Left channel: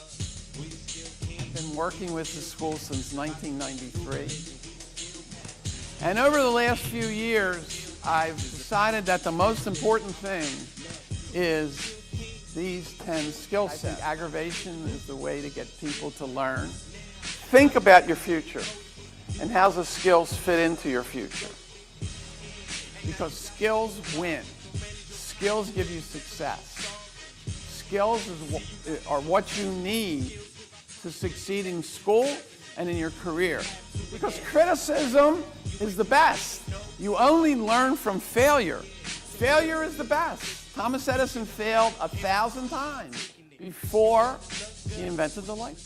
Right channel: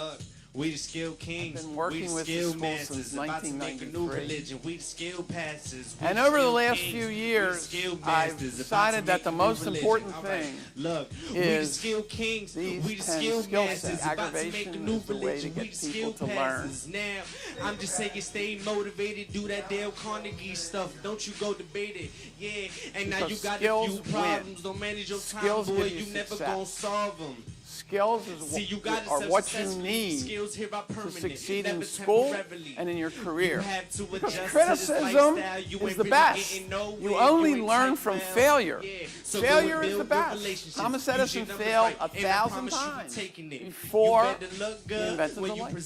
I've been working with the school since 1993. And over the last few years, I've decided that the most important thing is these 10 skill sets. Aggravation is the way to get people to learn. Think about your future and how the skills fit into your future. Because skills win. Skills give you success. Skills are what you need to succeed in school and in your career. Because criticism is the best. You only learn from failure. Failure is the best. Thomas Edison failed 1,000 times before he invented the light.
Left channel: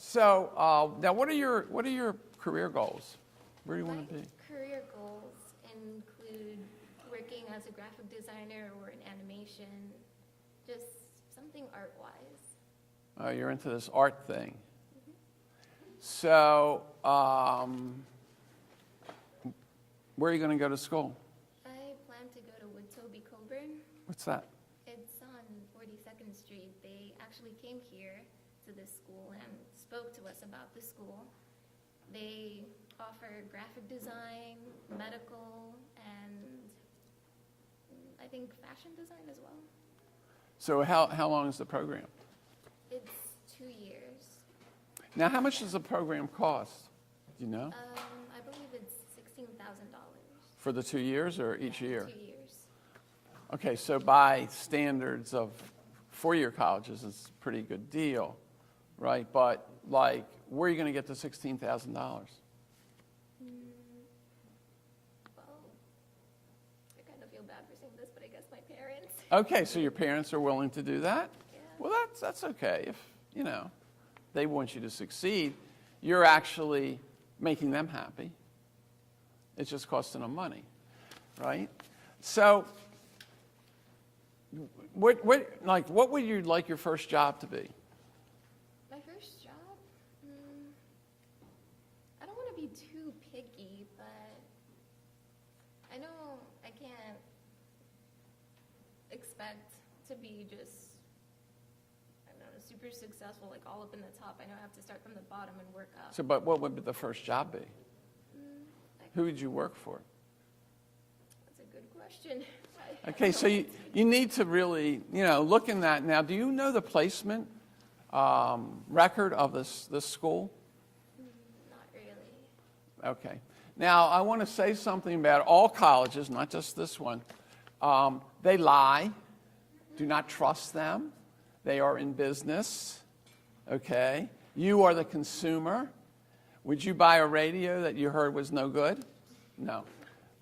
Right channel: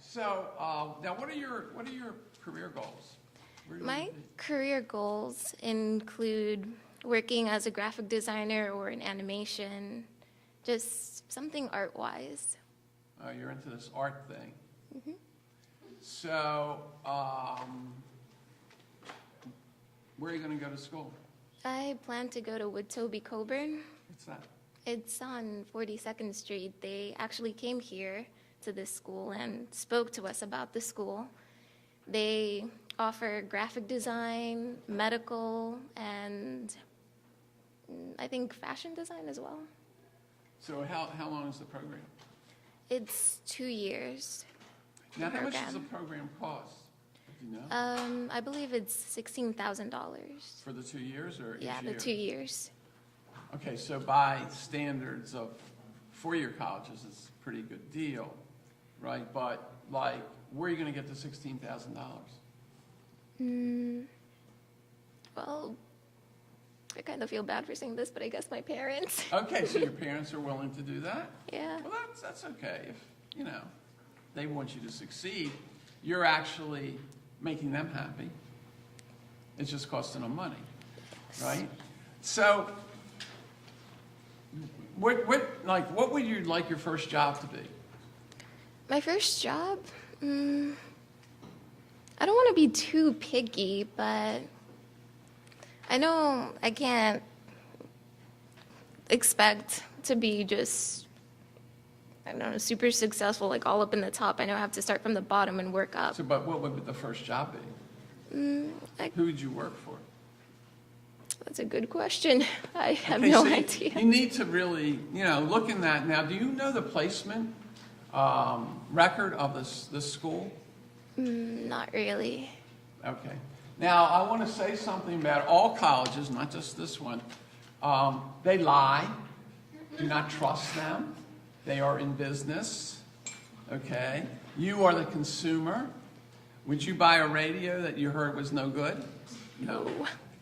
So now, what are your career goals? My career goals include working as a graphic designer or in animation, just something art-wise. Oh, you're into this art thing. Mm-hmm. So, where are you going to go to school? I plan to go to Woodtoby Coburn. What's that? It's on 42nd Street. They actually came here to this school and spoke to us about the school. They offer graphic design, medical, and I think fashion design as well. So how long is the program? It's 2 years. Now, how much does the program cost? Do you know? I believe it's $16,000. For the 2 years or each year? Yeah, the 2 years. Okay, so by standards of four-year colleges, it's a pretty good deal, right? But, like, where are you going to get the $16,000? Well, I kind of feel bad for saying this, but I guess my parents. Okay, so your parents are willing to do that? Yeah. Well, that's okay. If, they want you to succeed, you're actually making them happy. It's just costing them money, right? So, what would you like your first job to be? My first job? I don't want to be too picky, but I know I can't expect to be just, I don't know, super successful, like all up in the top. I know I have to start from the bottom and work up. So, but what would the first job be? Who would you work for? That's a good question. I have no idea. You need to really, look in that. Now, do you know the placement record of this school? Not really. Okay. Now, I want to say something about all colleges, not just this one. They lie. Do not trust them. They are in business. Okay? You are the consumer. Would you buy a radio that you heard was no good? No.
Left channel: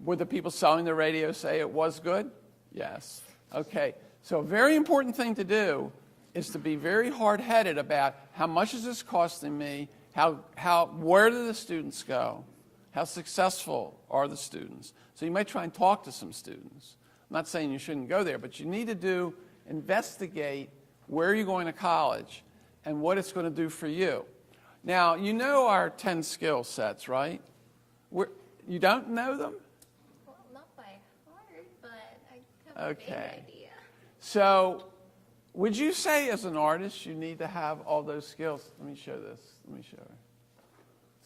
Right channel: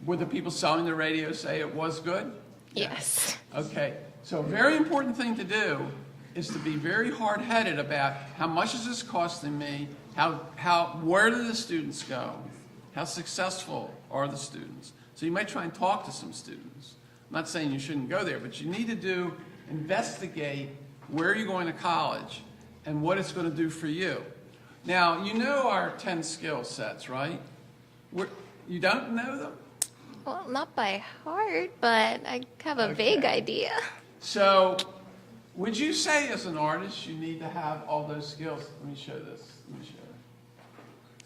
Would the people selling the radio say it was good? Yes. Okay. So a very important thing to do is to be very hard-headed about how much is this costing me, where do the students go, how successful are the students. So you might try and talk to some students. I'm not saying you shouldn't go there, but you need to investigate where you're going to college and what it's going to do for you. Now, you know our 10 skill sets, right? You don't know them? Well, not by heart, but I have a vague idea. So, would you say as an artist you need to have all those skills? Let me show this.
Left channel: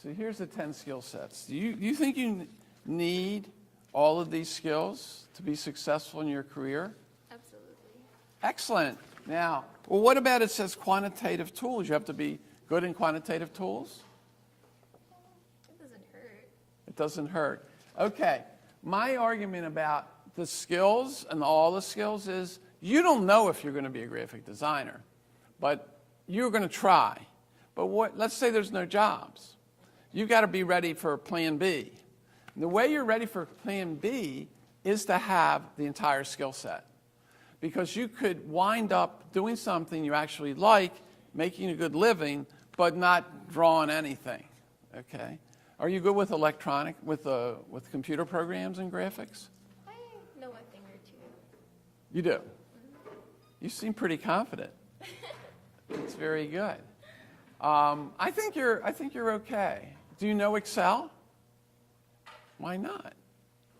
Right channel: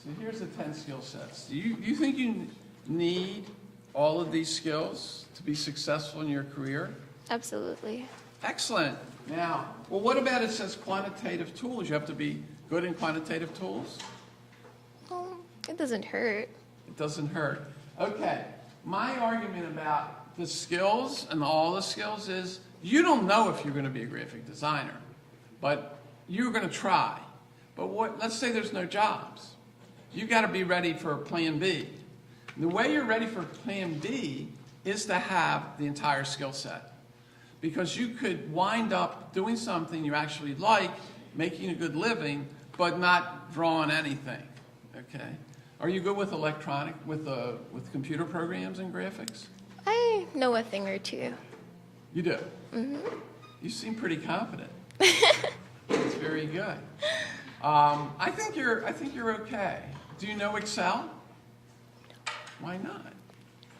So here's the 10 skill sets. Do you think you need all of these skills to be successful in your career? Absolutely. Excellent. Now, well, what about it says quantitative tools? You have to be good in quantitative tools? Well, it doesn't hurt. It doesn't hurt. Okay. My argument about the skills and all the skills is you don't know if you're going to be a graphic designer, but you're going to try. But let's say there's no jobs. You've got to be ready for plan B. And the way you're ready for plan B is to have the entire skill set. Because you could wind up doing something you actually like, making a good living, but not drawing anything, okay? Are you good with with computer programs and graphics? I know a thing or two. You do? Mm-hmm. You seem pretty confident. That's very good. I think you're okay. Do you know Excel? Why not?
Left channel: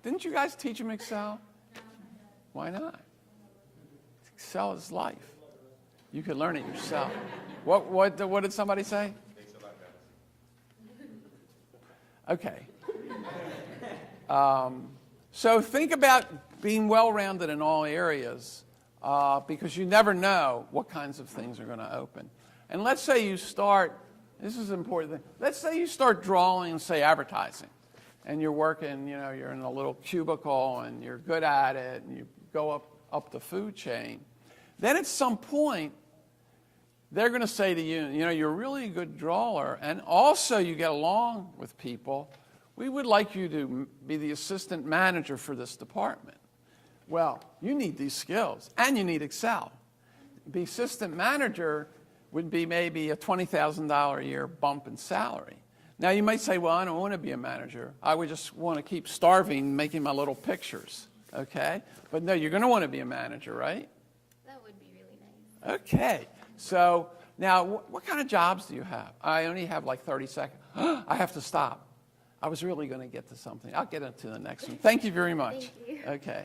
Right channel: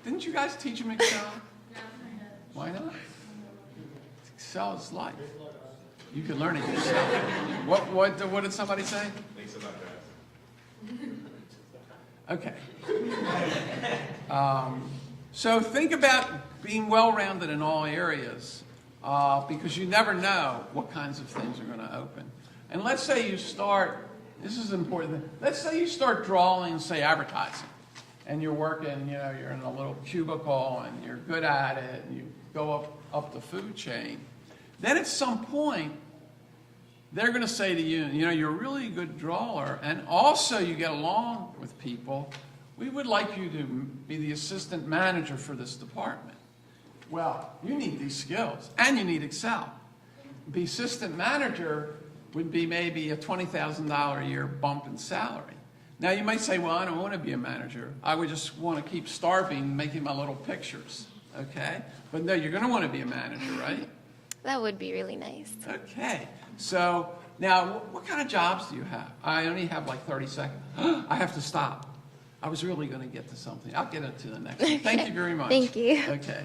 Didn't you guys teach them Excel? Why not? Excel is life. You can learn it yourself. What did somebody say? Thanks a lot, guys. Okay. So think about being well-rounded in all areas because you never know what kinds of things are going to open. And let's say you start, this is important, let's say you start drawing, say, advertising. And you're working, you're in a little cubicle and you're good at it and you go up the food chain. Then at some point, they're going to say to you, you're really a good drawer and also you get along with people. We would like you to be the assistant manager for this department. Well, you need these skills and you need Excel. The assistant manager would be maybe a $20,000 a year bump in salary. Now you might say, well, I don't want to be a manager. I would just want to keep starving, making my little pictures, okay? But no, you're going to want to be a manager, right? That would be really nice. Okay. So now, what kind of jobs do you have? I only have like 30 seconds. I have to stop. I was really going to get to something. I'll get it to the next one. Thank you very much. Thank you. Okay.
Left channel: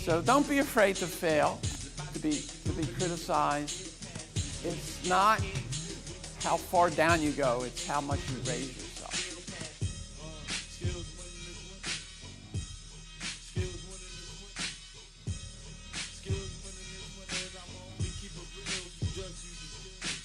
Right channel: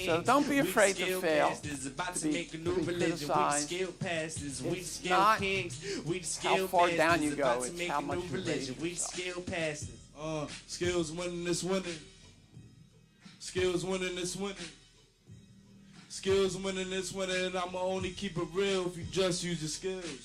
So don't be afraid to fail, to be criticized. It's not how far down you go, it's how much you raise yourself. Skills winning this winning. Skills winning this winning. Skills winning this winning, and I'ma only keep it real if you just use your skills.